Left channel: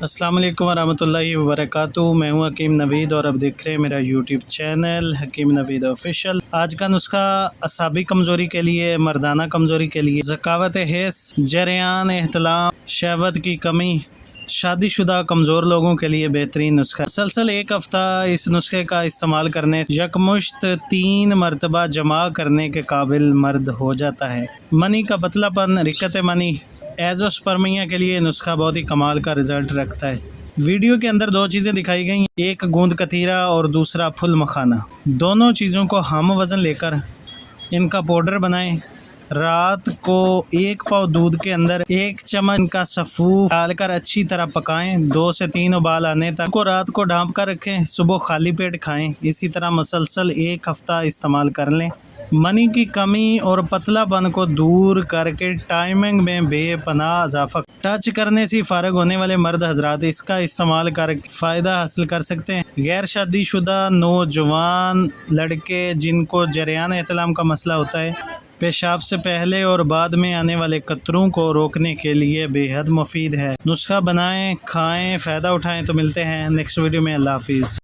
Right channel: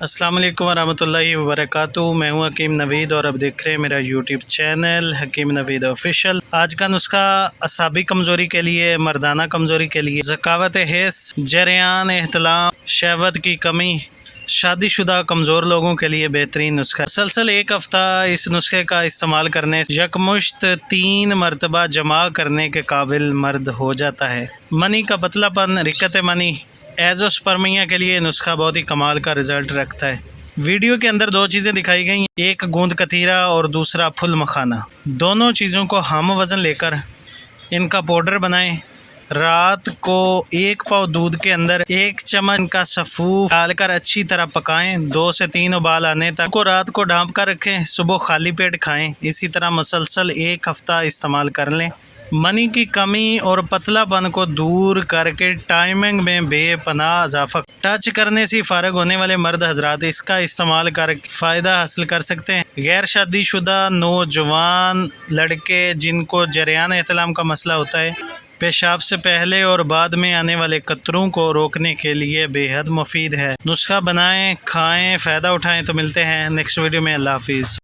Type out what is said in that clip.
अस्सलाम वालेकुम वरहमतुल्लाहि वबरकातुहू। मैं हूं हकीम नवीद और अब देख रहे हैं मेरा यूट्यूब चैनल हकीम नवीद ऑफिशियल। आज का नुस्खा असाबी कमज़ोरी के लिए, मर्दाना कमज़ोरी के लिए, ज़कावत हिस्स, जरियान एहतलाम, शहवत की कमी, शादीशुदा कमज़ोर लोगों के लिए बेहतरीन नुस्खा। मुसलसल एक हफ़्ता इस नुस्खे का इस्तेमाल करने से यकमुश्त 3 मरतबा जमा करने के काबिल मर्द हो जाता है। मनी का पतलापन, रिकत मनी, एज़ोस्पर्मिया के लिए नुस्खा बहुत ही कमाल का रिज़ल्ट रखता है। वीडियो के अंदर 2 चीज़ें दिखाई गई, एक गूंद कतीरा और दूसरा फुल मखाना। दोनों चीज़ों को हम वज़न लेकर इनका पाउडर बनाएं। रात को 1 पाव दूध के अंदर 1 चम्मच का सफ़ूफ डालकर अच्छी तरह पकाएं। 2 से 3 उबाल आने तक को रात को ढाँप कर रखें, सुबह खाली पेट खाएं। इसी तरह मुसलसल 1 हफ़्ता इस्तेमाल कर लें। मनी की कमी और पतलापन को दूर करके टाइमिंग में बेपनाह इजाफा। टच करने से फ़ारग होने वाले मर्द हजरात इसका इस्तेमाल कर फ़ायदा हासिल कर सकते हैं। गैर शादीशुदा नौजवान लड़के जिनको जरियान एहतलाम का मसला होता है, पेशाब से पहले और बाद में आने वाले कतरों को रोकने के लिए बेहद मुफीद है। नुस्खा बनाएं, खाएं, फ़ायदा उठाएं। तो मिलते हैं नेक्स्ट वीडियो में। अल्लाह हाफिज़।